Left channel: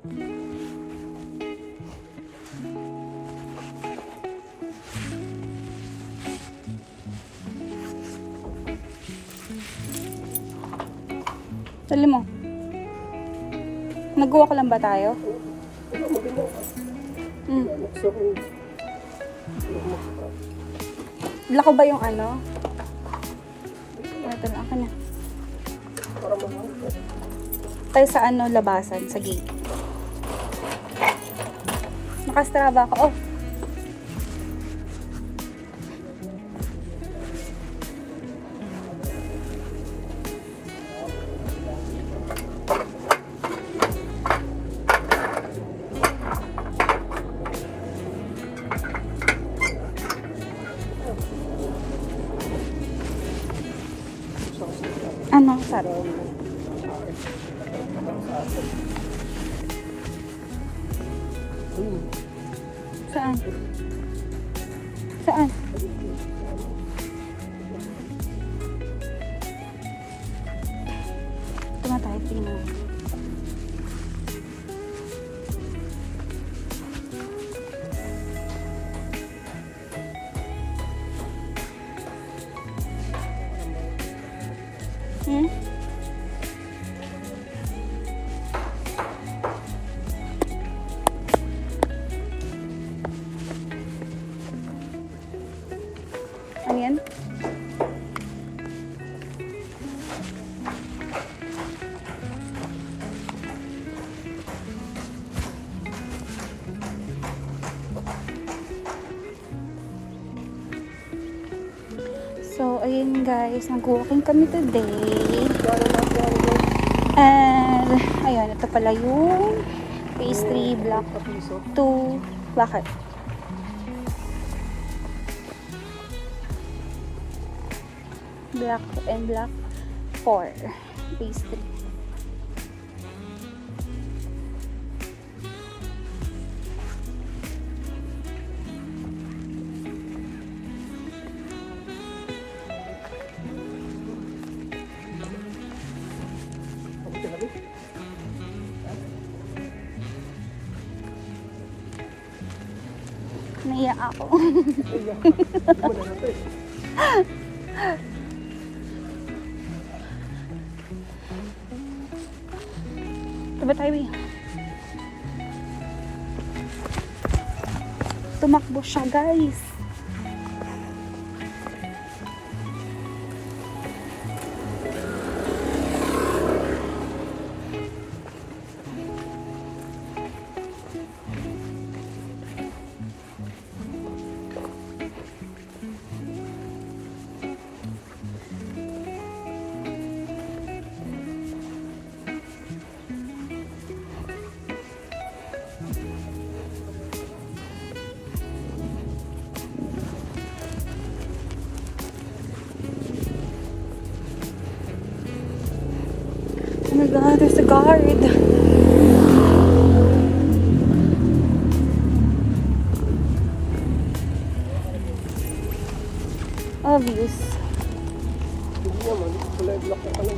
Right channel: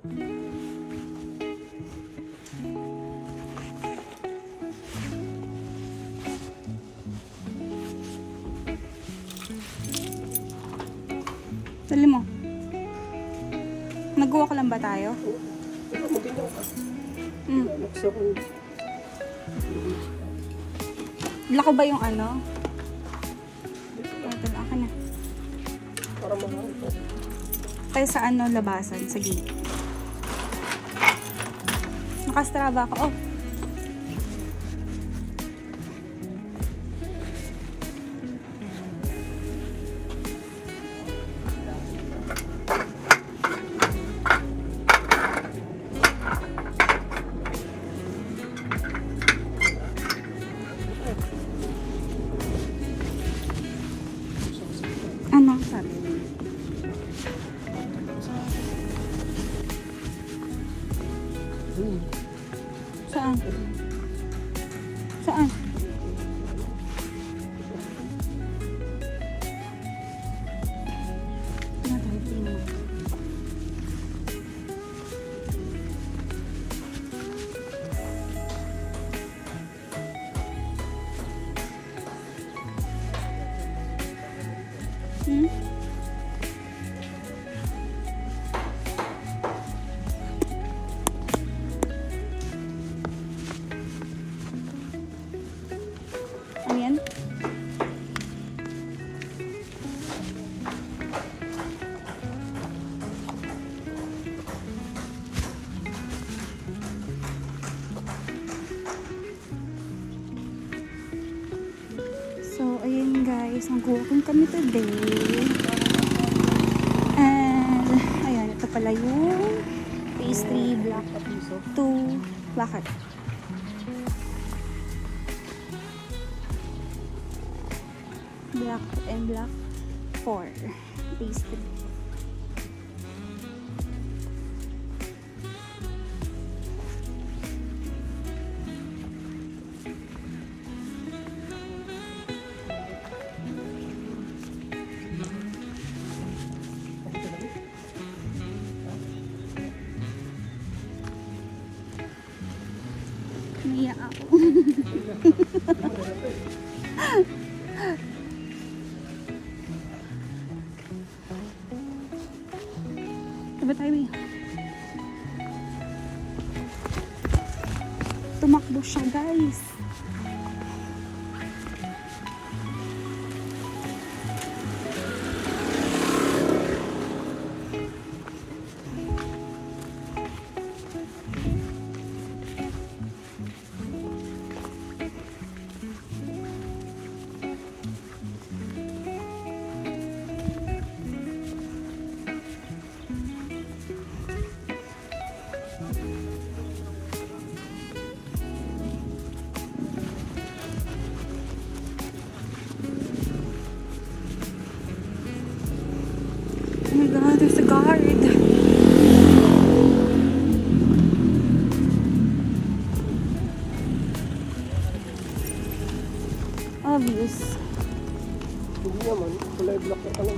Dali mo. Nag-walk lang ba tayo? Lako ba yung ano? Ito lang ako na. Tayo sa ano, labasan, sa gate. Nakastrava ako. Oh. Ano, sarap. Saan? Saan? Tumatay, tingnan mo. Ano yan? So, ayun guys, nag-walking kami today. And, ayun, ito pala yung phase 3 block 2. Bakit? Block 2 and block 4. Phase 3. Naiyak ako. Diba tayo eh? Tumakbo siya guys. Oh my god, there's a guard. Obvious. Hindi naman, kulay black na pala.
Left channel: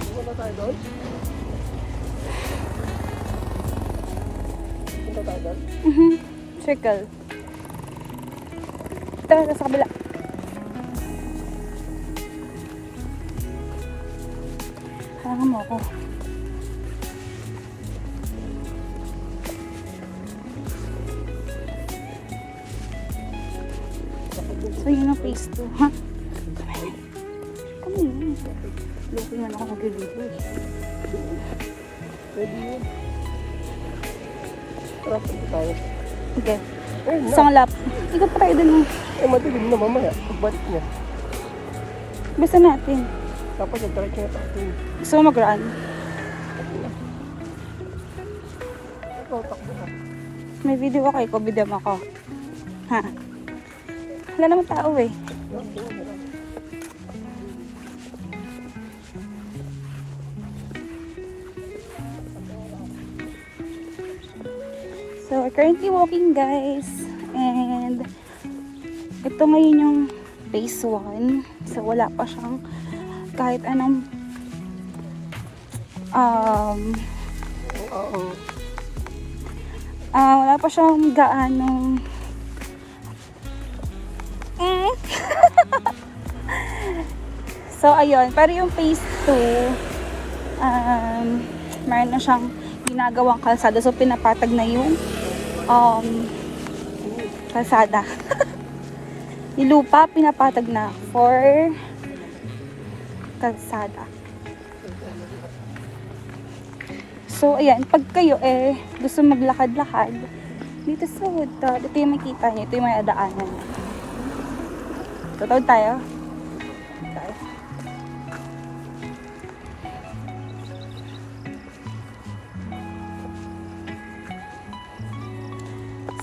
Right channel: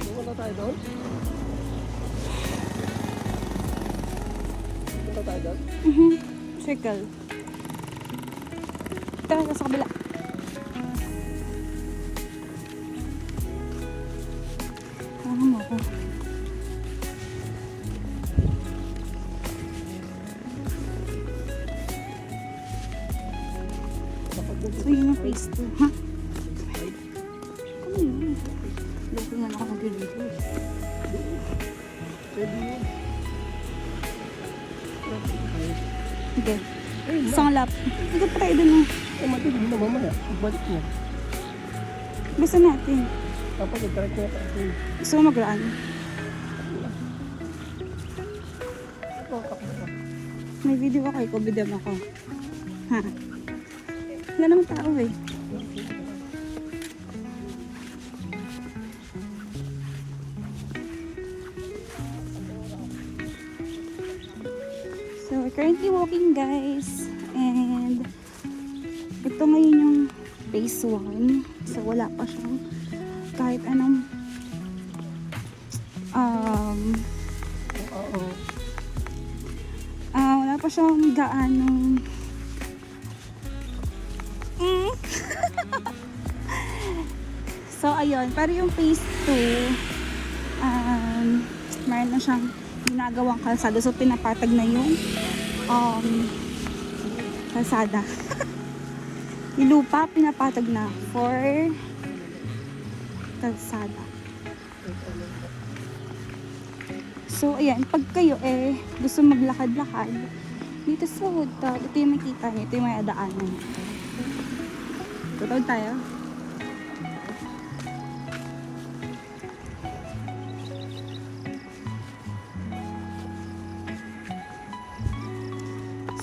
Hindi na tayo doon? Punta tayo doon? Circle. Tara, sa kabila. Harangan mo ako. So, yun ang phase 2, ha? Kami yun. Hindi na ako mag-video eh. Pwede yun. Tara, punta tayo. Okay. Isang lap. Ikaw pa tayo dun. Eh, madilim na mamaya. Pagbalik niya. Bisa natin. Tapos, nagkarakit. Gusto mo mag-run? May video ako, ikaw video mo ako. Ha? Wala naman tao eh. So, we're currently walking guys. And ito ngayon yung phase 1. So, wala pa siyang kahit anong Oo. Wala pa siyang gaanong so ayun, pero yung phase 2 meron na siyang ginagawang kalsada, so pinapatag na yung kalsada. Yung lupa pinapatag na for kalsada. So ayan, pag kayo gusto maglakad-lakad dito sa Woodtop, ito yung makita niyo, ito yung may daanan niya. Tutawid tayo.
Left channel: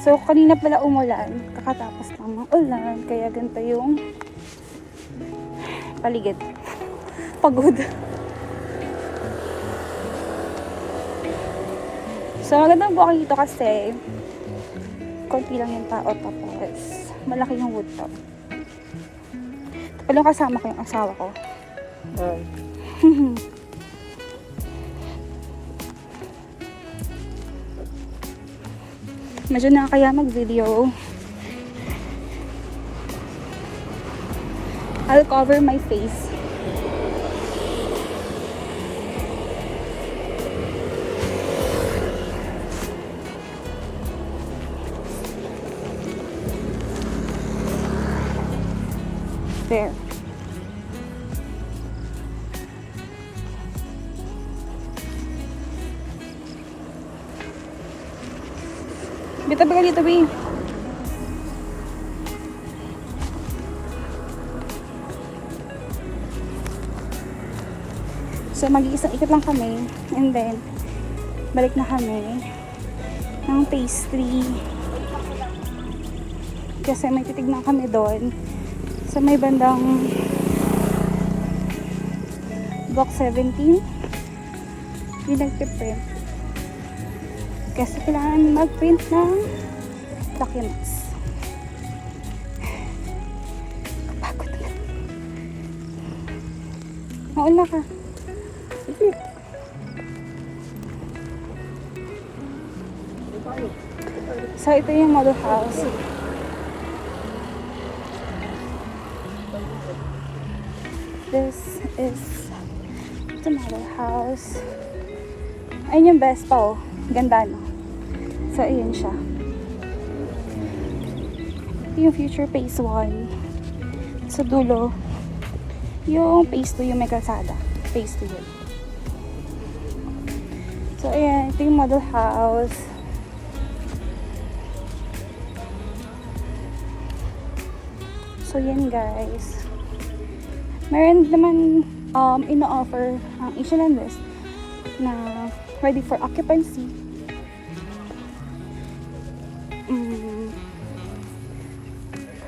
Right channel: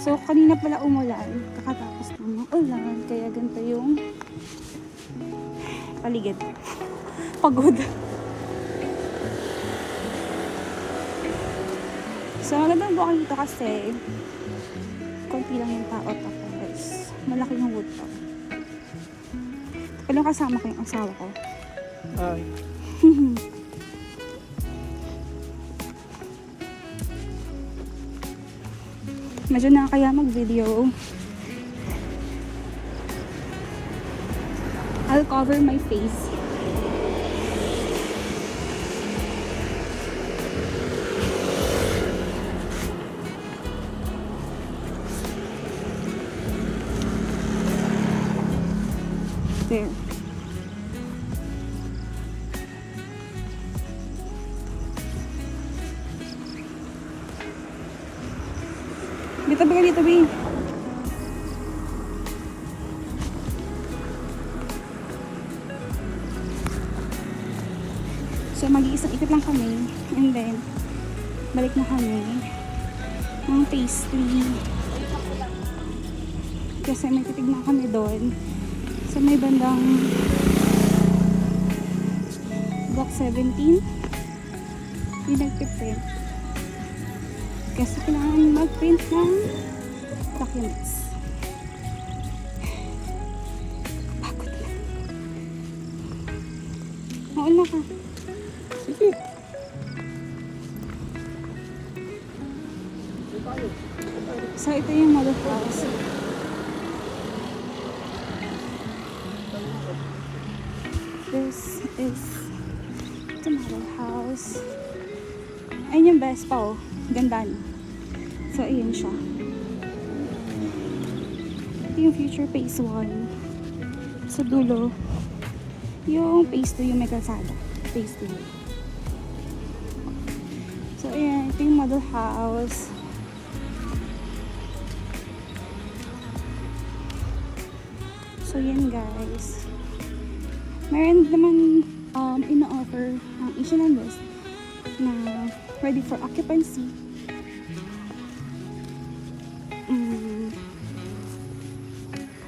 So, kanina pala umulan. Kakatapos ng ulan. Kaya ganito yung paligid. Pagod. So, magandang buwan dito kasi konti lang yung tao tapos malaki yung Woodtop. Tapos kasama ko yung asawa ko. Ay. Medyo nakakaya mag-video. I'll cover my face. There. Tabi ka dito, Bi. So, mag-iisang ikot lang kami. And then, balik na kami ng phase 3. Kasi may titignan kami doon. So, may bandang Block 17. Yung nagpiprint. Kasi kailangan mag-print ng documents. Pagod na. Mauna ka. Sige. So, ito yung model house. This is the model house. Ayun yung best pa, oh. Ganda na. So, ayun siya. Yung future phase 1. Sa dulo, yung phase 2 yung may kalsada. Phase 2 yun. So, ayan. Ito yung model house. So, yan guys. Meron naman ino-offer ang Asian West na ready for occupancy.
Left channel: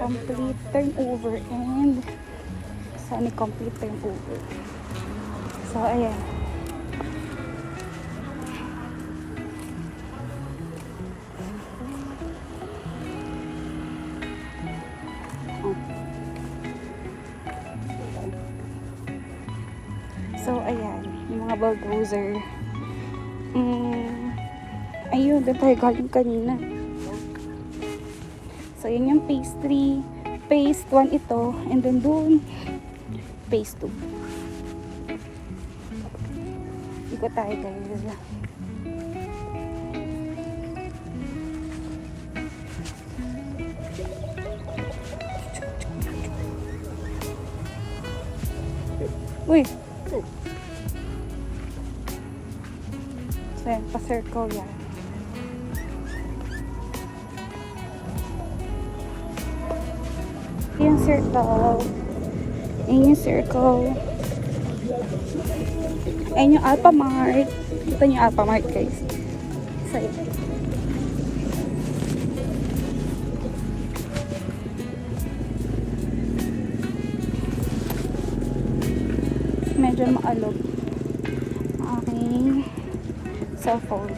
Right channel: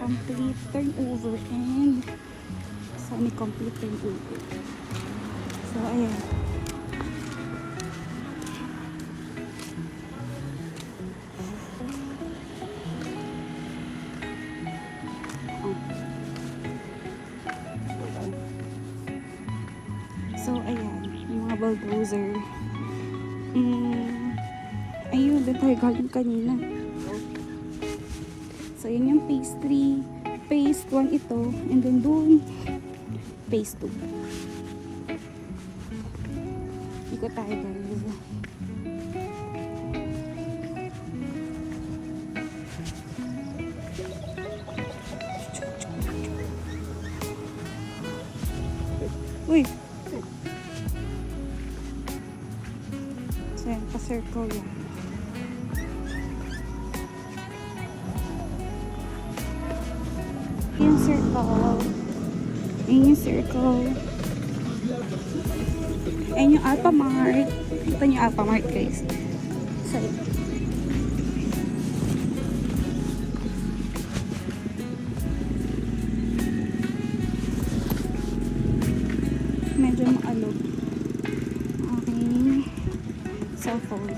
Complete turnover and semi-complete turnover. So, ayan. So, ayan. Yung mga bulldozer. Ayun, doon tayo galing kanina. So, yun yung phase 3. Phase 1 ito. And then doon, phase 2. Ikot tayo guys. Uy! So, yan, pa-circle yan. Yung circle. Ayun yung circle. Ayun yung Alphamart. Ito yung Alphamart guys. So, yun. Medyo maalog ang aking cellphone.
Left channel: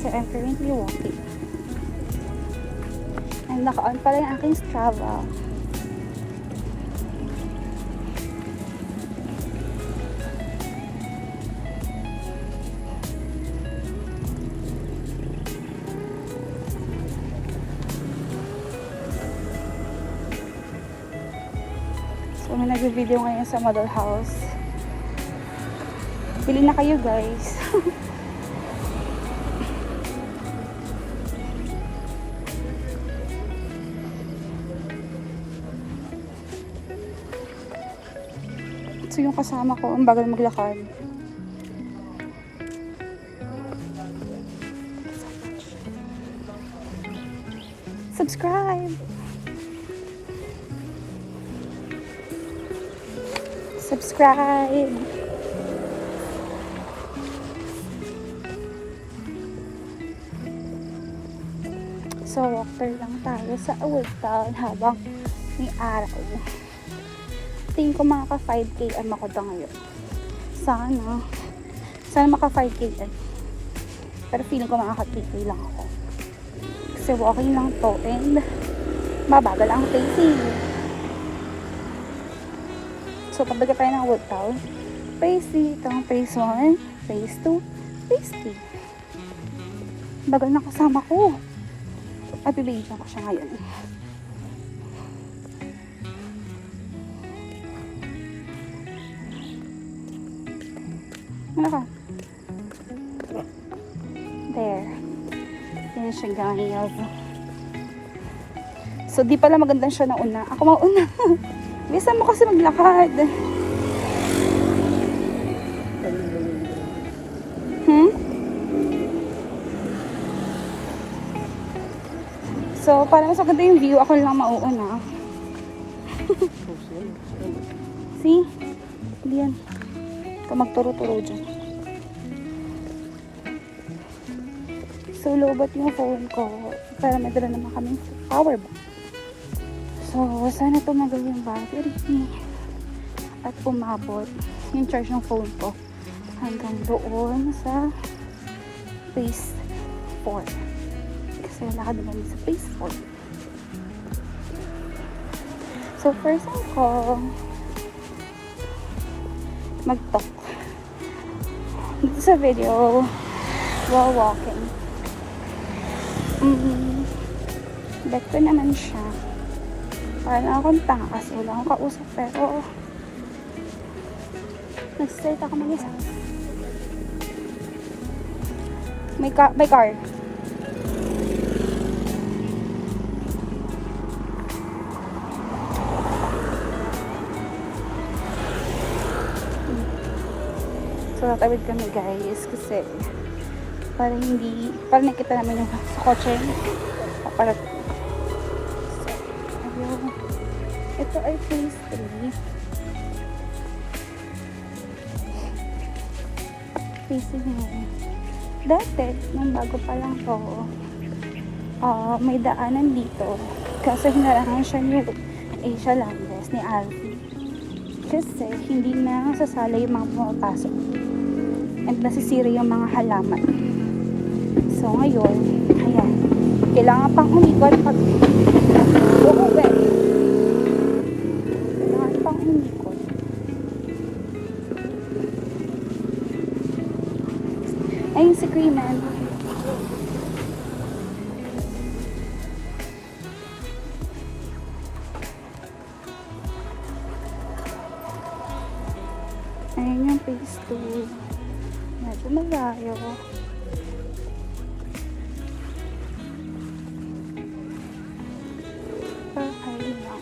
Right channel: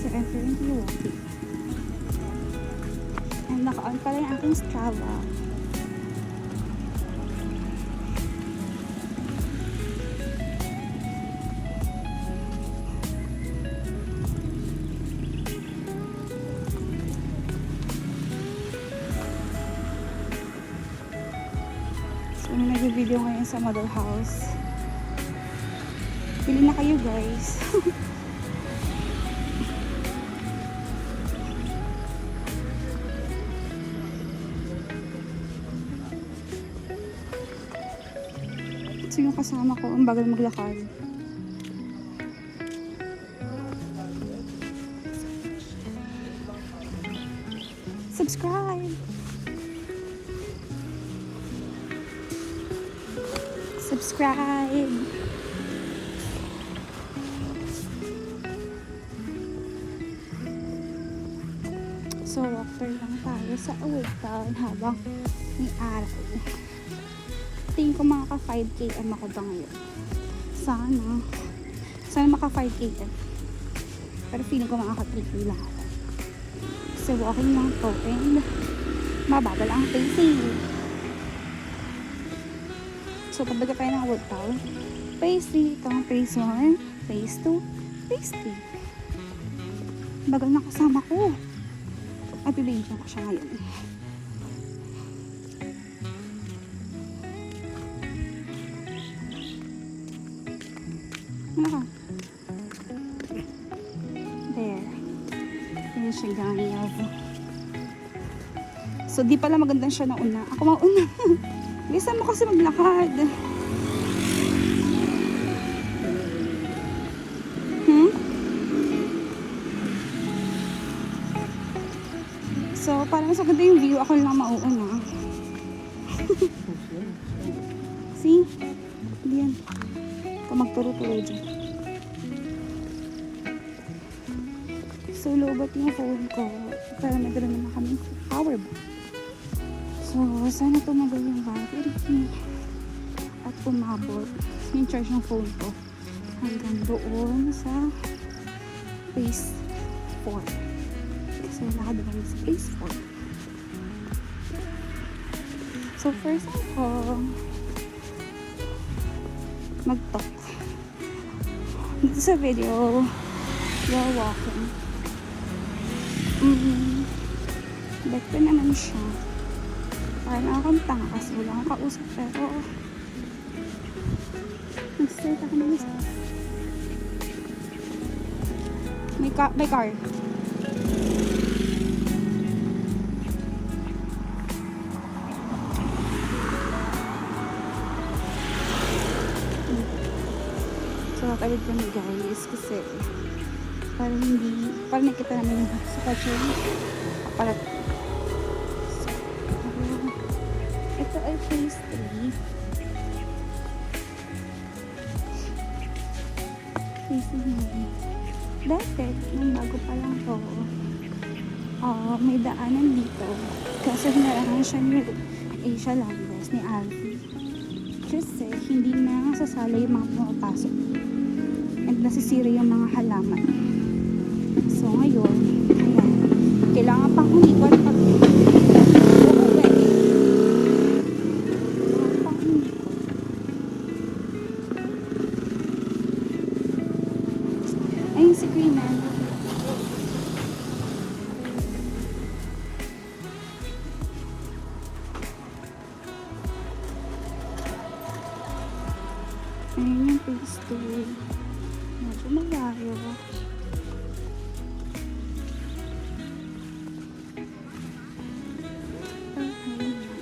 So, I'm currently walking. And naka-on pala yung aking Strava. nag-video ngayon sa model house. Bili na kayo guys. So yung kasama ko, ang bagal maglakad. Subscribe! Subscribe! So, walker lang tayo sa Old Town habang may araw. Tingin ko makaka 5 km ako da ngayon. Sana maka 5 km. Pero feeling ko makaka 3 km lang ako. Kasi walking lang to and mabagal ang pacing. So, pagdaga tayo ng Old Town, phase dito, phase 1, phase 2, phase 3. Bagal na kasama ko. Ay, bibigyan ko siya ngayon. Ano ka? There. Yan siya guys. So, di pala maganda siya na una. Ako mauna. Bisa mo kasi maglakad. So, para mas maganda yung view, ako lang mauuna. See? Hindi yan. Ito magturo-turo dyan. So, lobat yung phone ko. Para madala naman kami power bank. So, sana tumagal yung battery. At umabot yung charge ng phone ko hanggang doon sa phase 4. So, lakad na kami sa phase 4. So, first ko mag-talk dito sa video while walking. Bet ko naman siya. Parang akong tanga kasi wala akong kausap, pero nag-straight ako mag-isa. May car. So, tatawid kami guys kasi para nakita namin yung sa kotse papalat. So, ayun. Ito ay phase 3. Phase 3 yun. Dati, nung bago pa lang to, may daanan dito. Kasi hinarangan siya ni Asia Landes, ni Alfie. Kasi hindi na sasala yung mga pumapasok. And nasisira yung mga halaman. So ngayon, ayan. Kailangan pang umikot pag uuwi. Kailangan pang umikot. Ayun si Creeman. Ayun yung phase 2. Medyo malayo. Okay lang.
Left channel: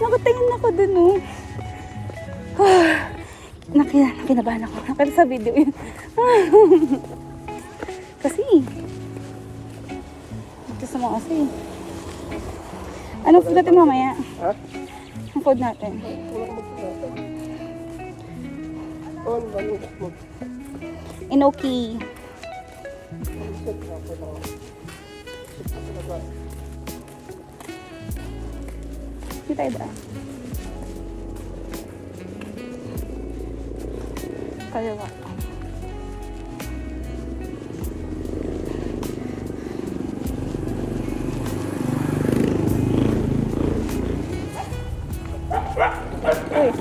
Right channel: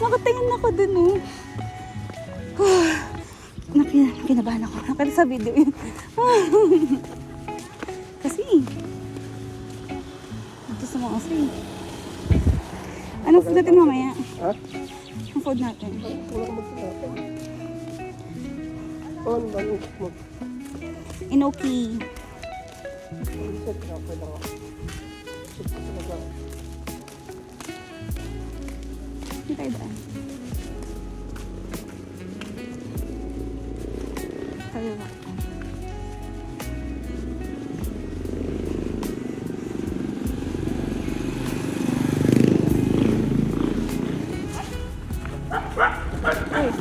Nakatingin ako dun, oh. Nakinabahan ako. Nakita sa video yun. Kasi, sa mga kasi. Anong food natin mamaya? Ha? Ang food natin. Inoki. Hindi tayo daan. kaliwa. Oh.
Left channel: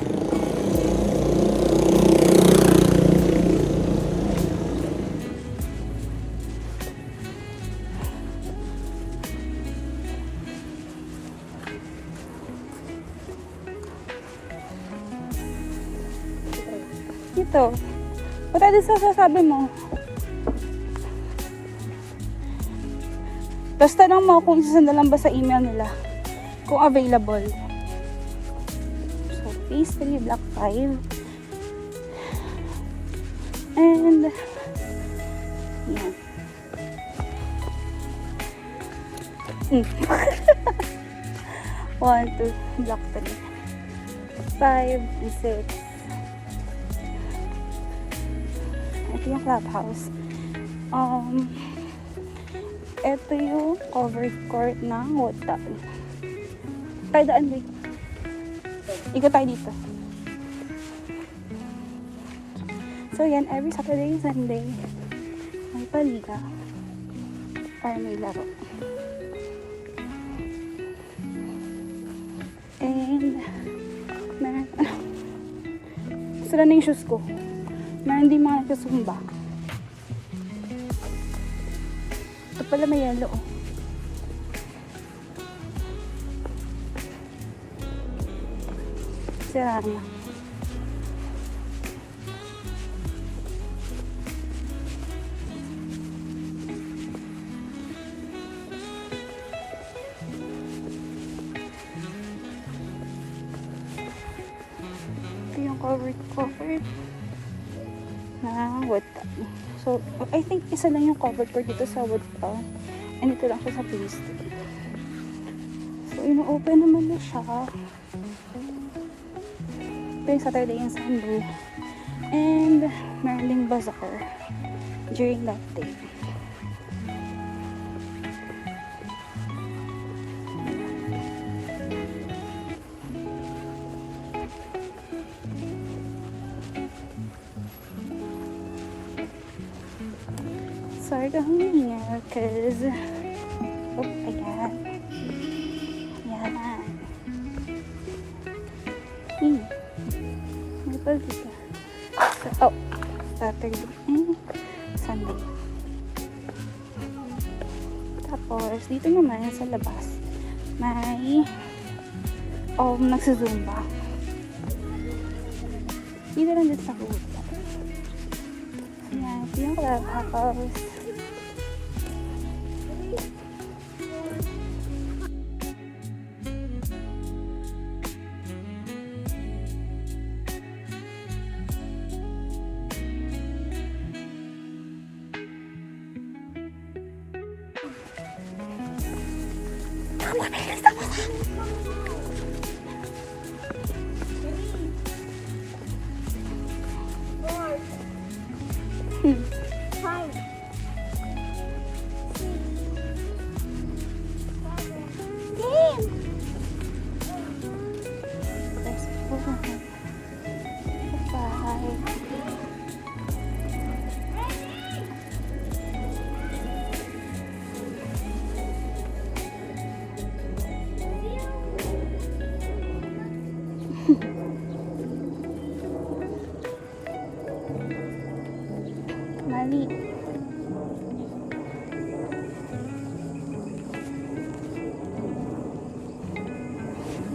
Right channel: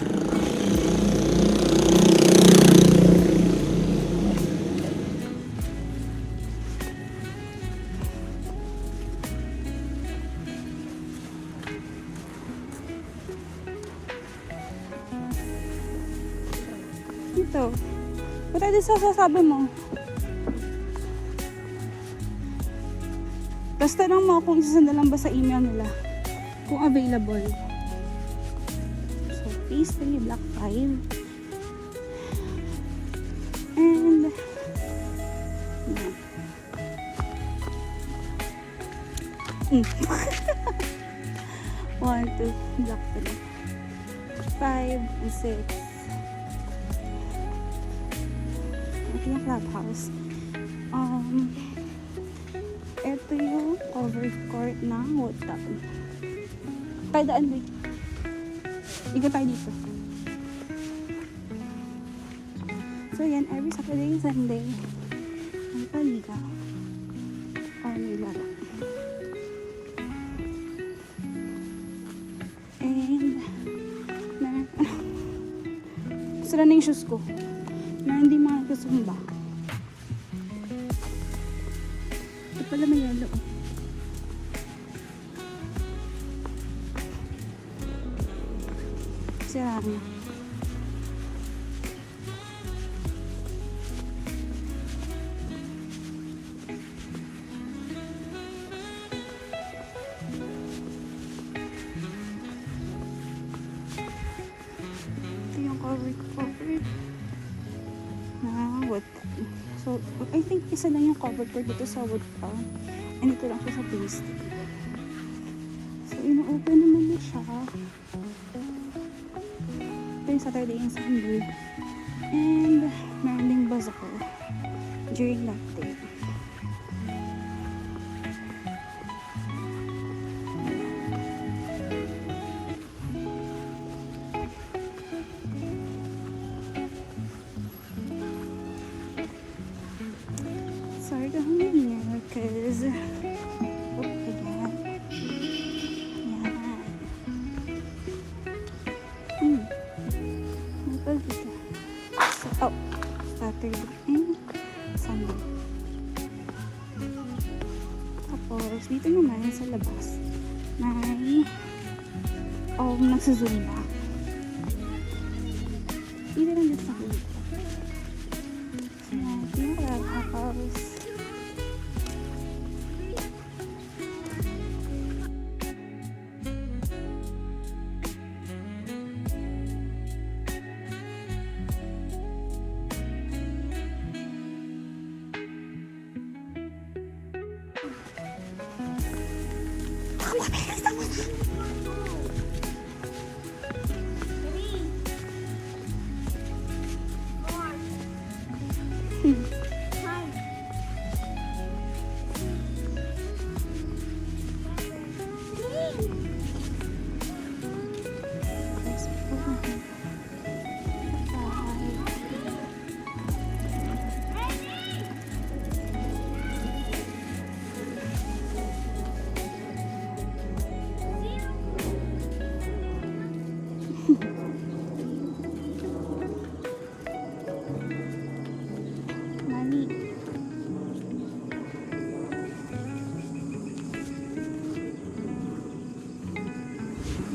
Dito. Punta din sa sasabi mo. Tapos tanong mo kung isasanda lang ba sa email nila. Kung available. So, phase 3, block 5. And, yan. One, two, block 3. 5 and 6. Ito yung clubhouse. Ito yung covered court ng hotel. Tayo daan dito. Ikot tayo dito. So yan, every Saturday and Sunday may paliga or may laro. And sila na yung shoes ko na hindi mga nagkasumba. Ito pala may yellow. Sira na. Ito yung covered na wood. So, I think isa lang yung covered court dito sa wood and ito lang sa phase 2. So, ino-open naman na siya. Ito yung Saturday and Sunday. And, meron ding bazaar during that day. Sorry ka huminga because ayan. May pag dito. So, Saturday and Sunday. Tapos, dito naman sa labas may nagsusumba. Dito lang dito sa hood. Ayan, ito yung clubhouse. Mali.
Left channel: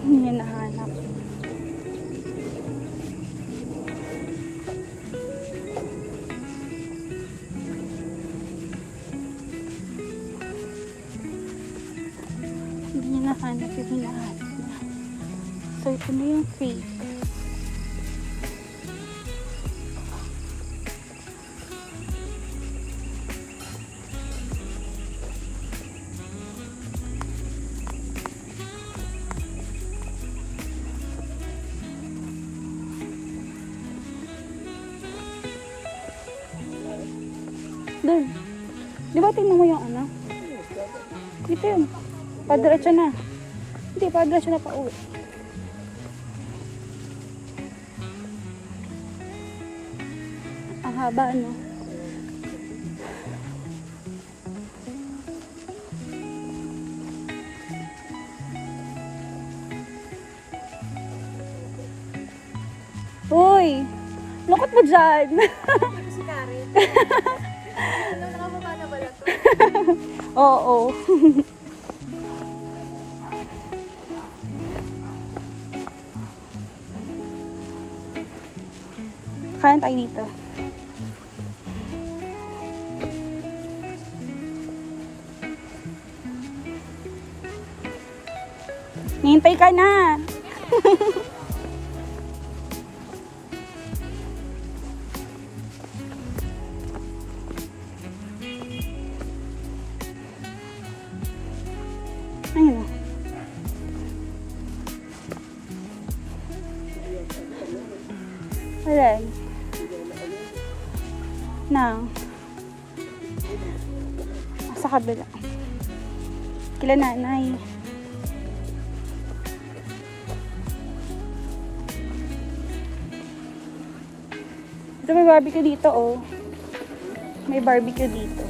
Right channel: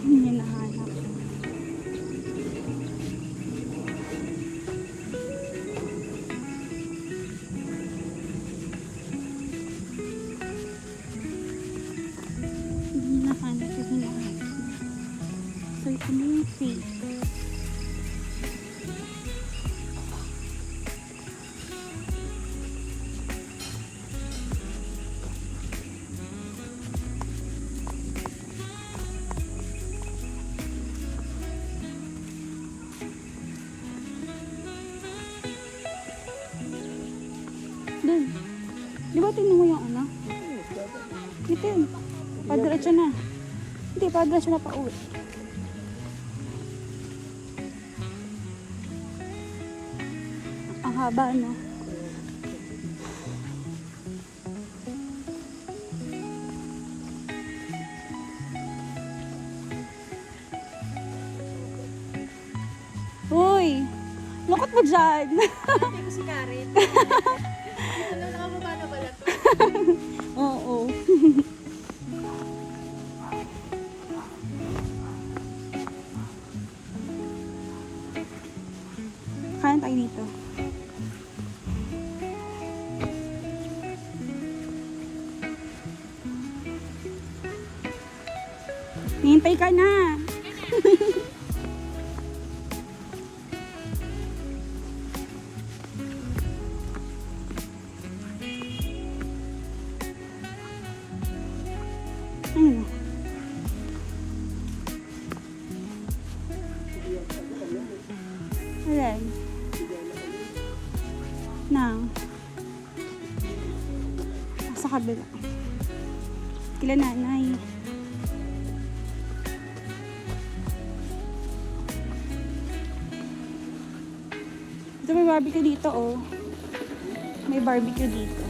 Hindi nahanap. Hindi nahanap yung hinahanap niya. So, ito na yung fake. Doon. Di ba tingnan mo yung ano? Dito yun. Padiretso na. Hindi, padiretso na pa uwi. haba, no? Uy! Lukot mo dyan! Si Karen. Ano, nakababa na ba to? Oo. Kain tayo dito. Nihintay ka na. Ayun. Ayan. Na. Sa kabila. Kila nanay. Ito may barbecue dito, oh. May barbecue dito.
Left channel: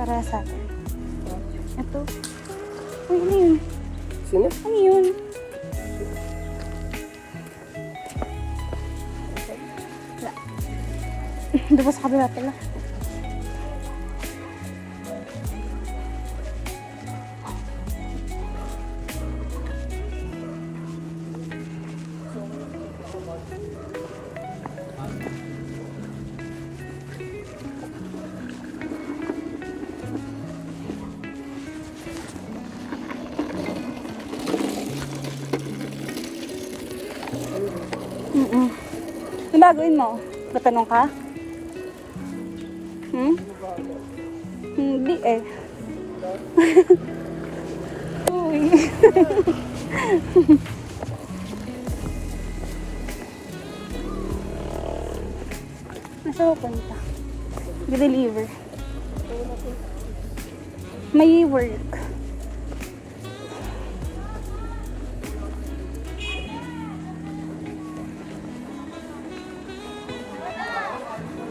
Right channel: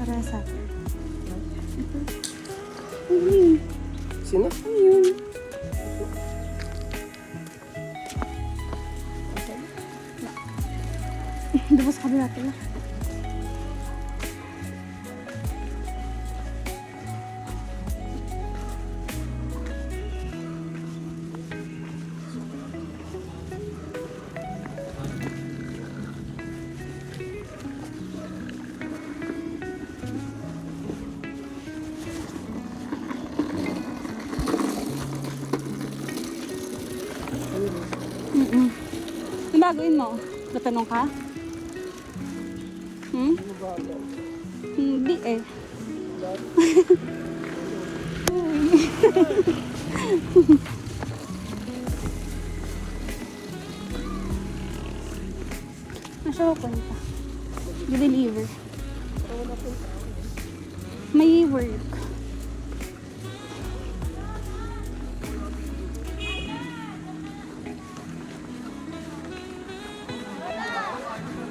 Para sa atin. Ito. Uy, ano yun? Sino? Ano yun? Wala. Doon sa kabila pala. Ano gagawin mo? Tatanong ka? Hindi eh. Uy. Nasa ko punta? Deliver. May work.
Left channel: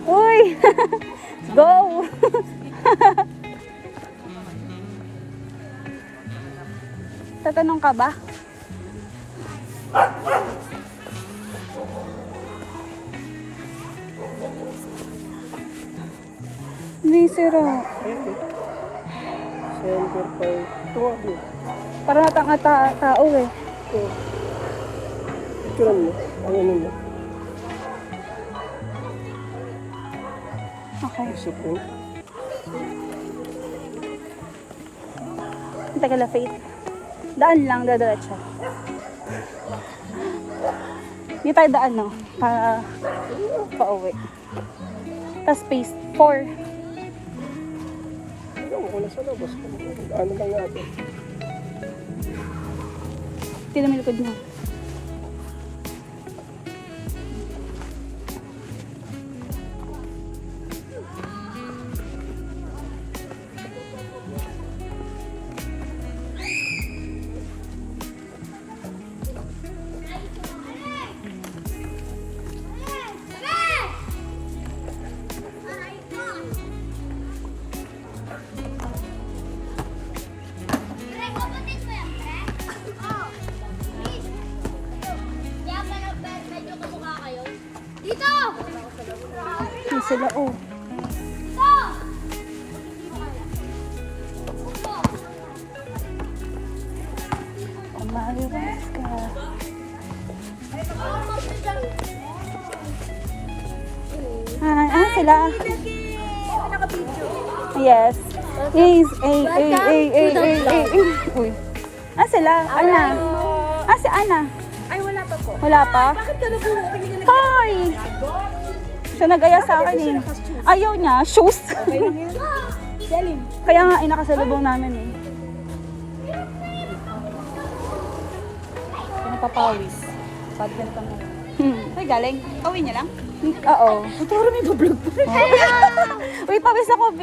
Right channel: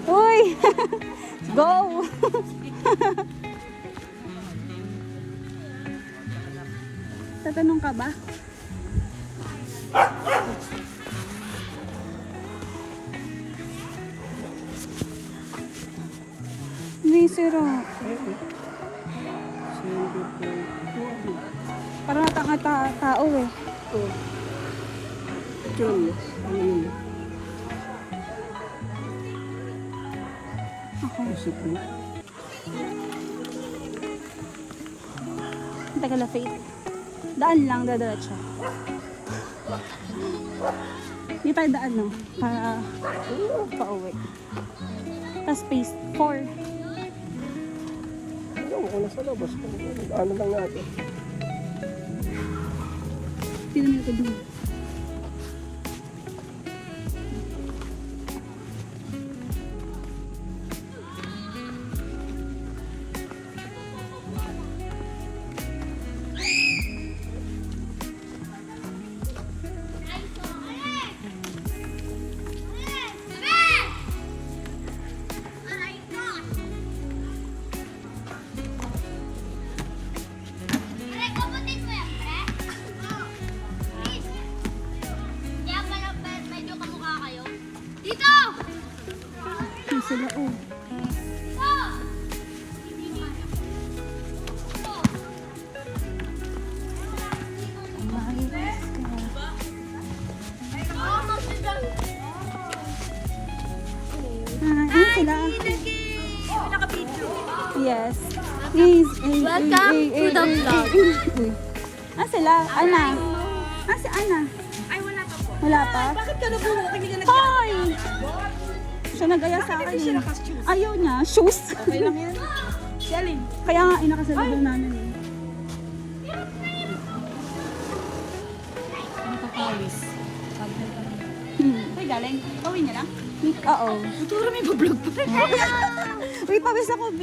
Uy! Go! Tatanong ka ba? Hindi sira. Sender pa. Para natang tao eh. Picturean mo. Ang ano mo. Okay. Isip mo. Tagal na Faith. Daan lang, dadiretso. Hindi tayo daan, no? Para pauwi. Tapos space 4. Okay na sa labas. Ano lang natin. Tignan mo yung likod mo. Dito! Hindi sila, oh. Umaliwas ka. Sila? Naka-video. Yes. Yes. Uy. Sila? Ana. Si Ana. Ay, wala pa po. Wala pa? Bakit ka nagulo? Hoy! Siya nag-aya sa akin eh. Ayaw niya, shoes. Okay lang yan. Selling. Kaya nga, inakasalubong namin eh. Napapawis. Pag ganito na. Uy, galing. Kawin niya lang? Oo. Ito rin may vlog pa rin. Uy, pawis ako, B.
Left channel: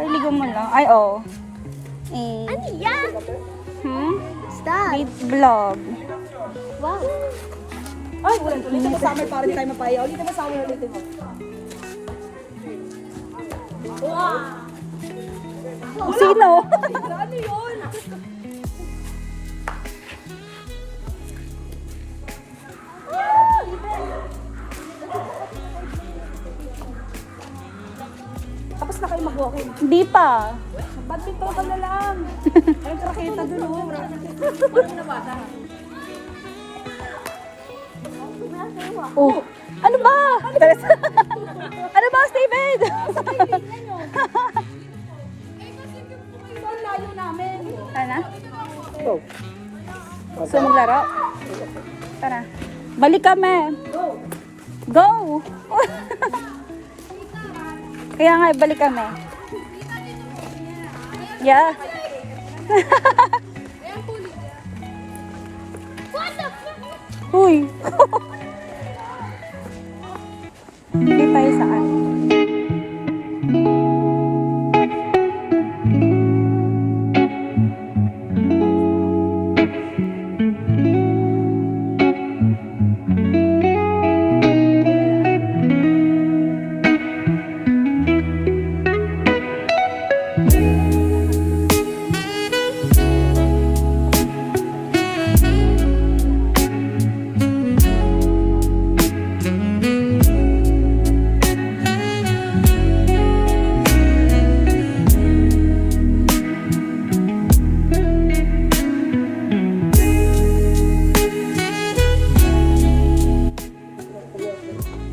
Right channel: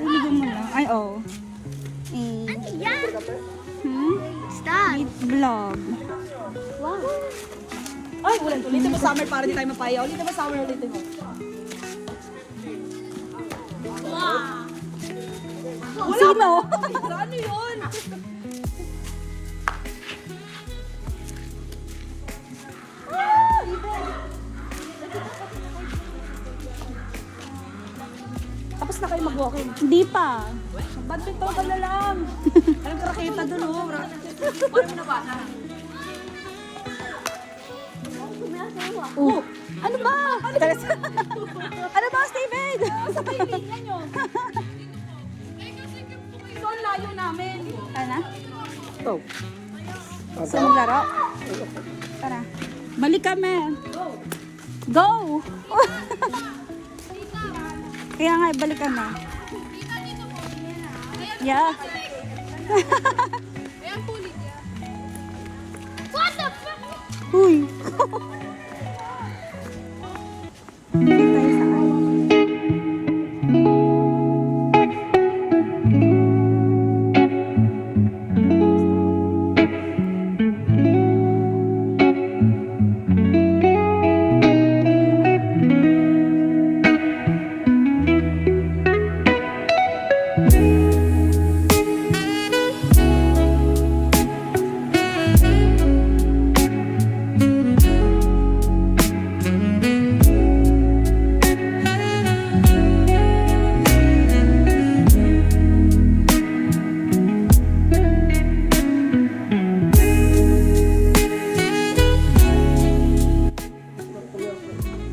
Pailigan mo lang. Ay, oo. Eh, Yan! Stop. Eat vlog. Wow. Ay, ulitin mo sa amin para di tayo mapayaw. Ulitin mo sa amin, ulitin mo. Wow. Sino? Ano yun? Tapos na kayo mag-walking. Hindi pa. Badminton ka na lang. Ay, raketa dun, oh. Paano mo nabasa? Oh, ano ba? Ano ba, Steven? Ito ang layo namin. Ano? Go. Gusto maglaro? Tara. Balik kami. Go. Go! Kaya nga, balik kami. Yeah. Uy! Hindi tayo saan?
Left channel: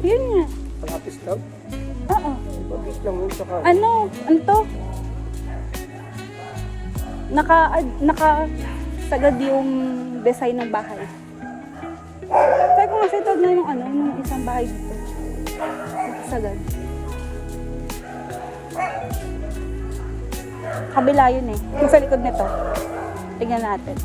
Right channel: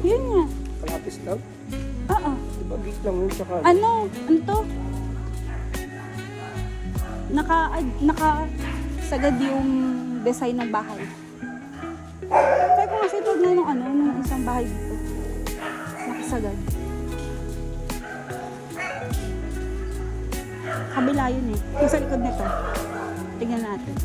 Yun nga. Palapis lang. Oo. Mabit lang yun sa kanan. Ano? Ano to? Sagad yung design ng bahay. Kaya kung kasi ito na yung ano, yung isang bahay dito. Sagad. Kabila yun eh. Yung sa likod nito. Tingnan natin.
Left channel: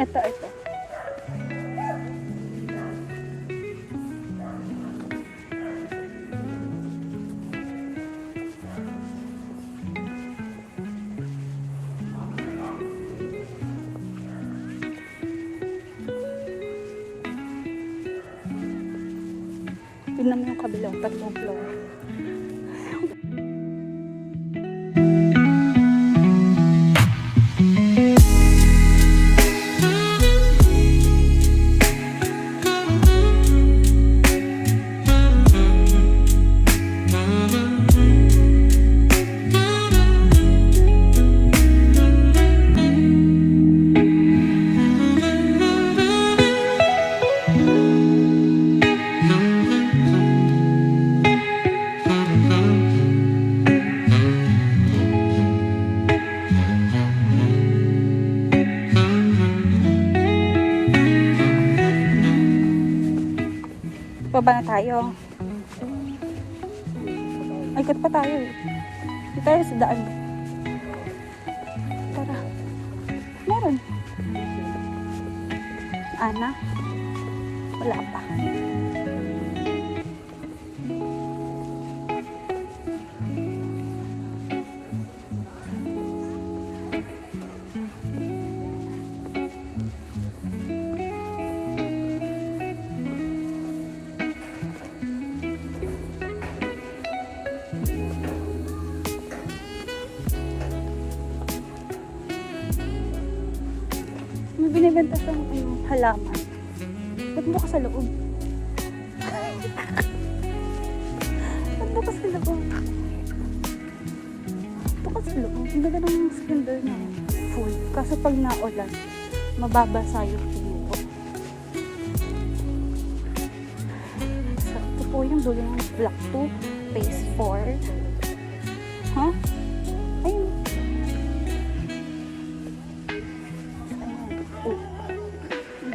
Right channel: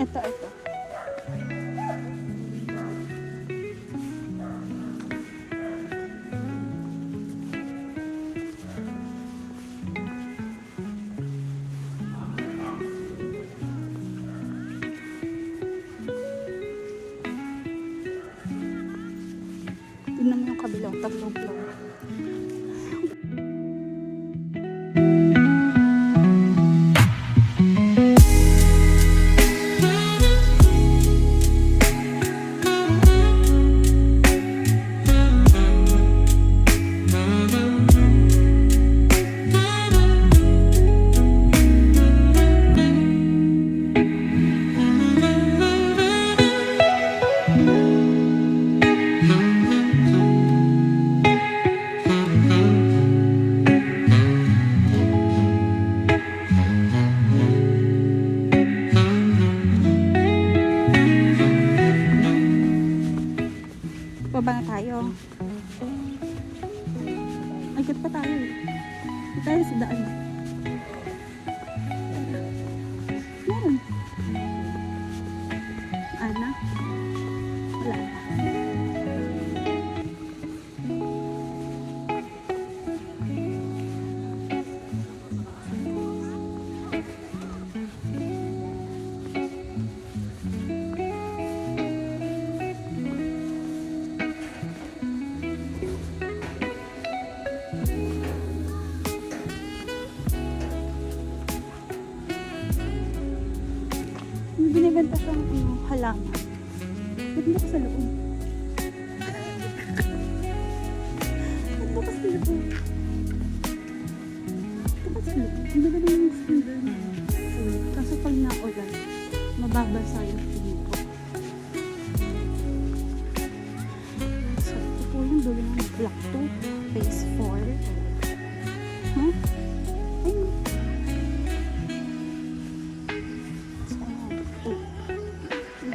Ito. Tingnan mo yung kabila, tatlong floor. Baba na tayo. Ay, ikot pa tayo eh. Hindi tayo sa daan. Tara. Meron. Ana? Wala pa. May binibenta siyang halaman. Ba't mo ka sa loob? Ba't mo ka sa loob? Ba't ka sa loob? Ang ganda ng slender na full. Kaso pag naulan, mababasa yung tingin ko. So, ito po yung dulo ng block 2, phase 4. Huh? Ayun.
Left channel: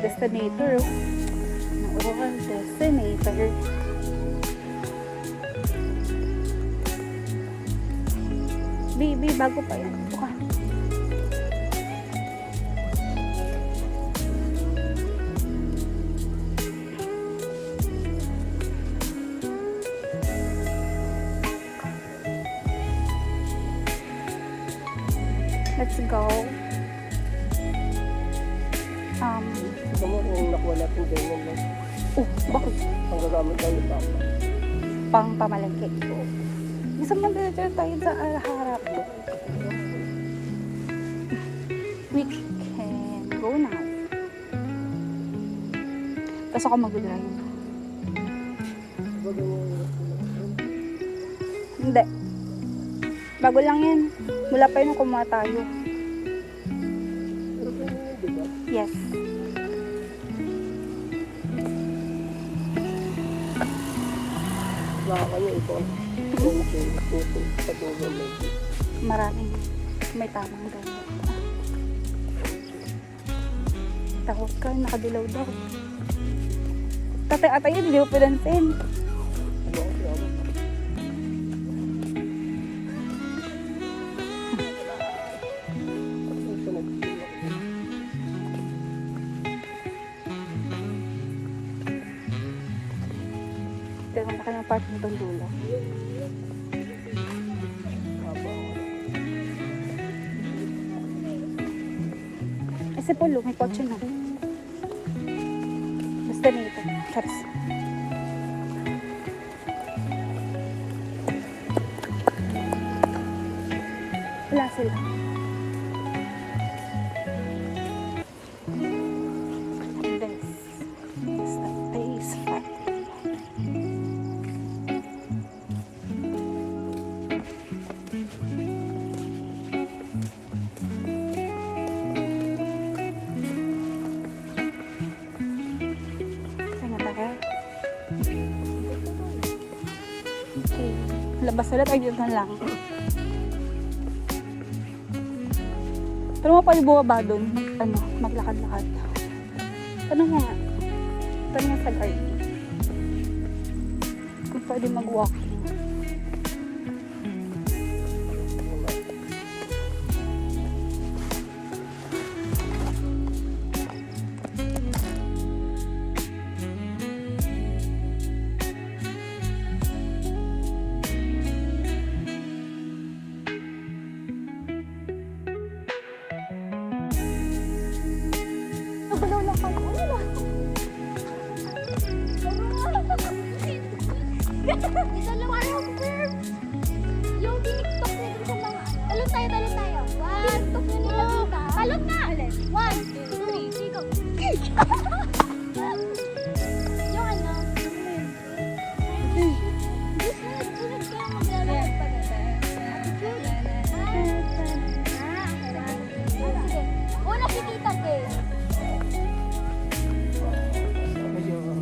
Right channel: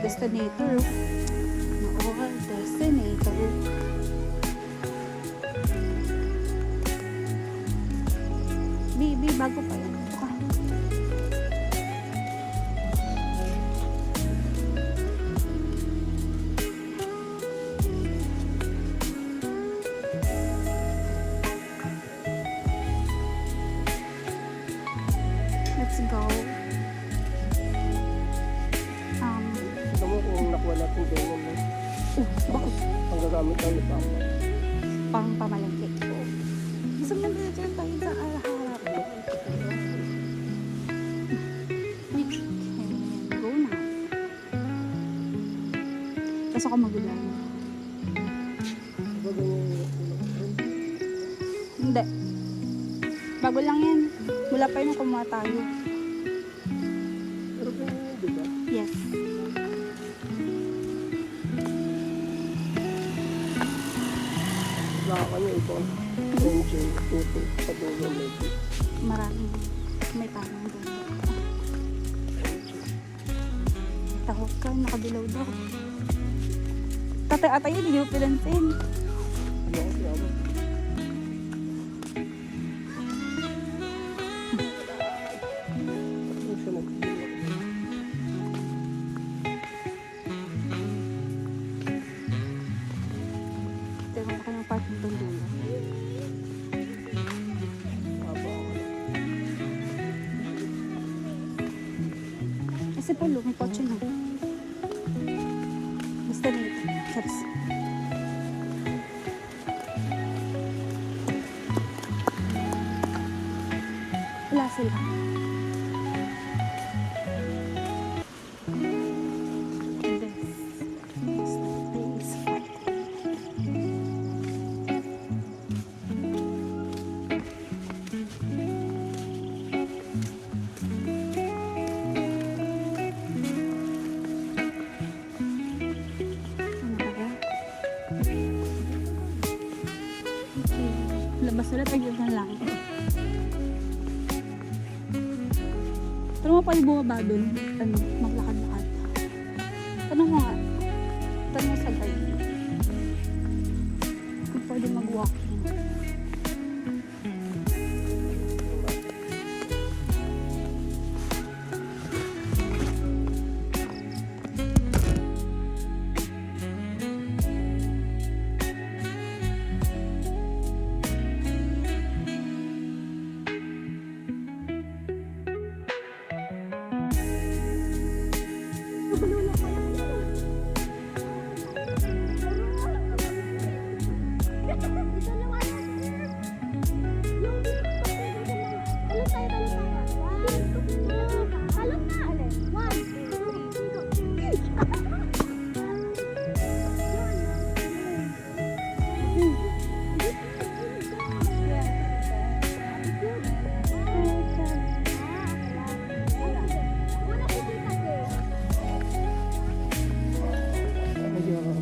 destinator. Oo, destinator. Baby, bago pa yan. Ito ka. Let's go. Ito mo kung nakuha natin ganyan mo. Bakit? Ang gagamit tayo pa. Pang pamalagkit. Gusto mo na tayo sa harap. We can go now. Tapos ako mag-drive. Hindi. Bago lang yan. Wala pa yun kumuha tayo. Pero pwede yun, diba? Yes. Baka kayo ito. Engine, puto, sa dulo mo. Maraming may tamang gamit. Takot ka, nakadilaw daw. Tatay ata yun, hindi ko pinansin. Ito yung laki ng parking doon dulo. Kasi Polo, may kotse na. Basta nito. Charis. Wala sila. This is fun. Labas ulit, ayun na lang. Pero mo pa yung bumaba doon, ano, maglakad-lakad. Ano mo nga? Tanong mo sa guard. Kung pwede mag-walking. Dalawa yung sir. Yung tiniktok na dun sa mga... Talon tayo. 1, 2, 3. Talon na! 1, 2, 3, go. Yung ano... Sunod kaya maglalakad pa rin. Sige. Una kikita ko.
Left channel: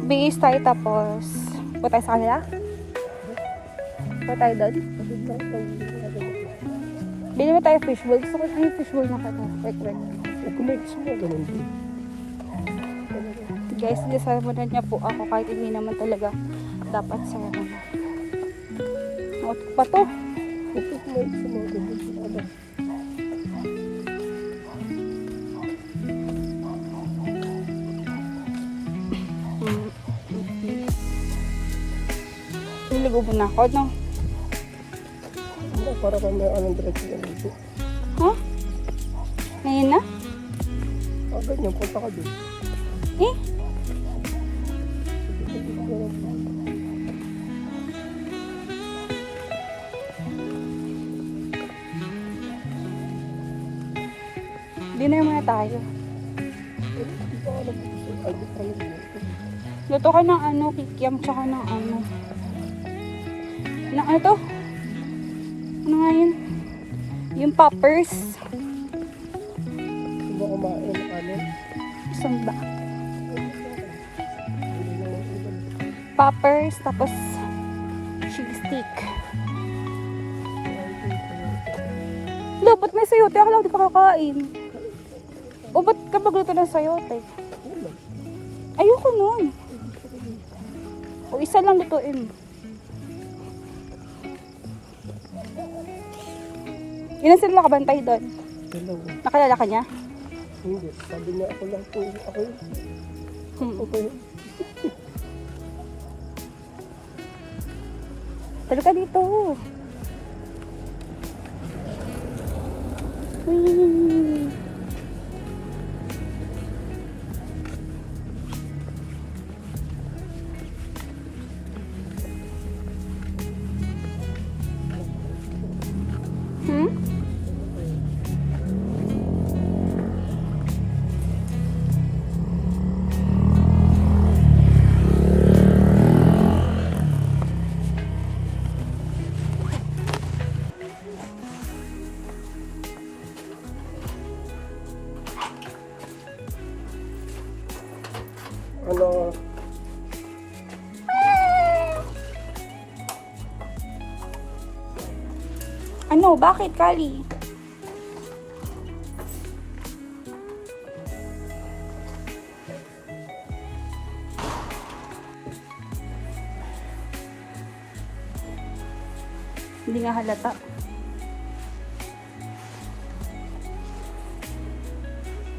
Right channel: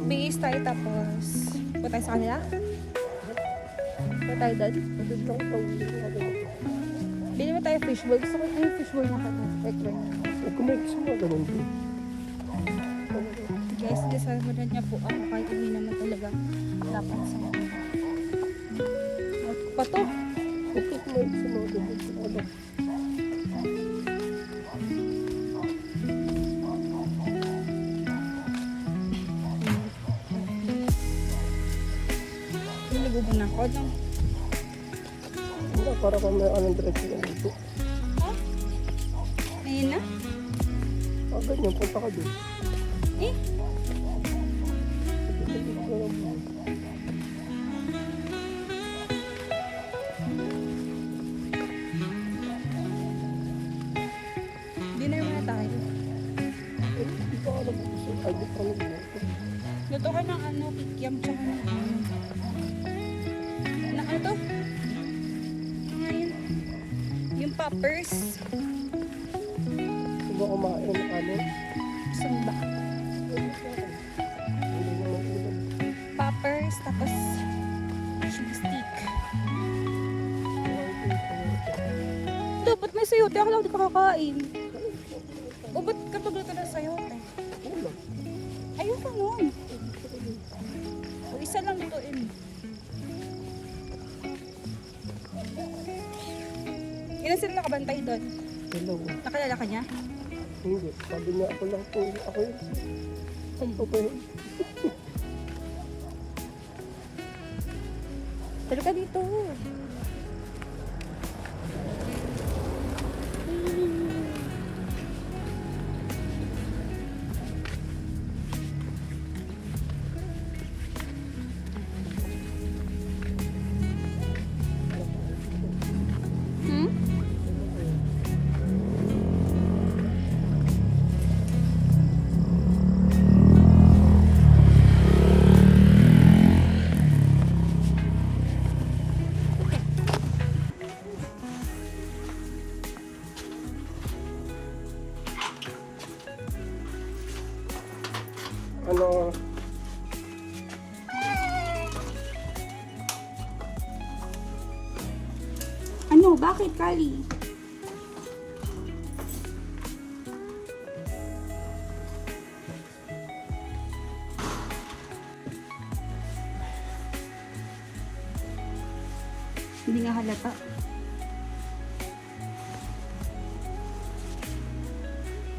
Base tayo tapos punta tayo sa kanila? Punta tayo doon? Bili mo tayo fishbowl. Gusto ko yung fishbowl na kata. Wait. Kumakas mo, ganun din. Guys, disarmanan niya po ako kahit hindi naman talaga dapat sa pa to. Kapit mo sa mga ganun. Niligo mo na ako, no? Para kang may anong diretso na dito. Ha? Ngayon na? Ganyan, punta ka doon. Eh? Di na muna tayo. Luto ka ng ano, kikiam, tsaka ng ano. Ng ano to? Ano nga yun? Yung poppers. Subo kumain ng ano. Isang ba? Poppers, tapos cheese stick. Dapat may sayote. Ako lang di pa kakain. O, ba't ka magluto ng sayote? Ulam. Ayoko nun. O, isa lang lutuin. Ilan sila nakabantay doon? Dalawa. Nakalala ka niya? Hindi. Sabi niya ako lang po. Ako yun. Okay. Talo ka dito. Hmm? Ano, Ano? Bakit, Kali? Hindi nga halata.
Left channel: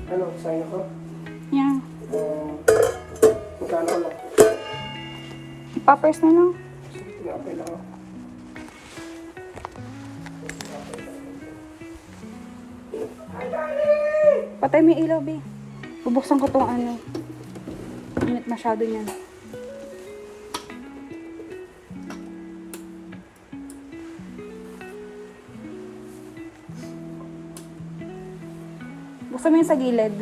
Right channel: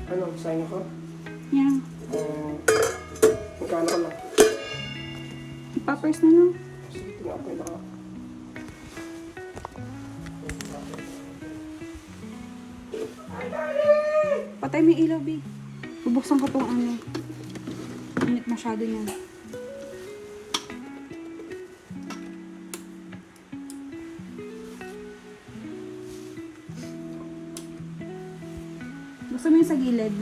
ano, sa'yo ko? Yan. Magkano lang? Poppers na lang. Sige, okay lang. Patay mo yung ilaw, be. Bubuksan ko tong ano. Init masyado yan. Buksan mo yung sa gilid.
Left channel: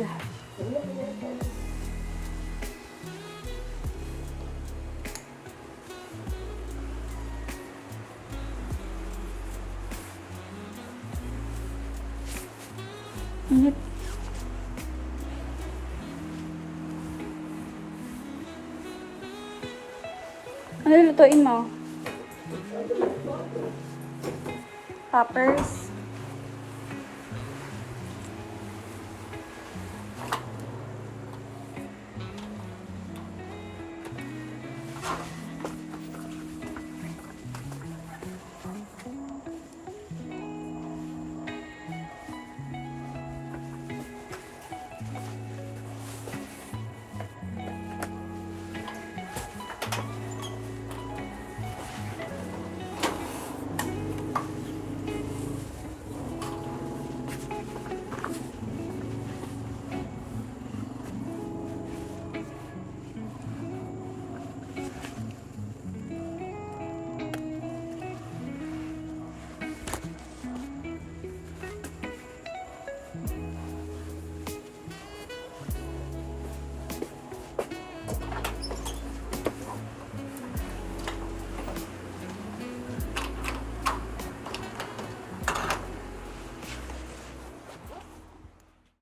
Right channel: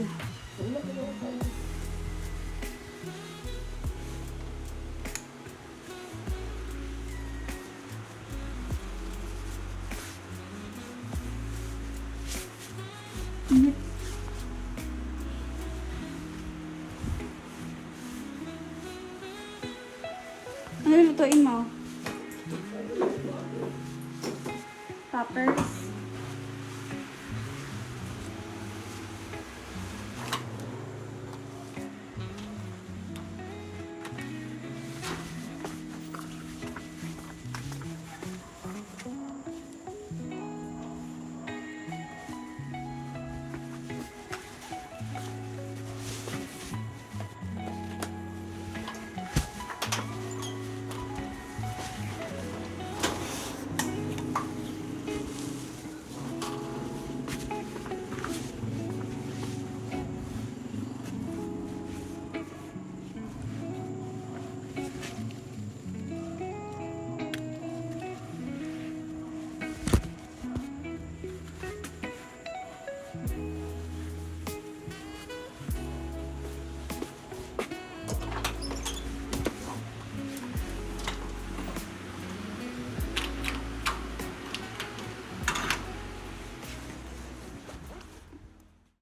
Init. Ano lulutuin mo? Poppers.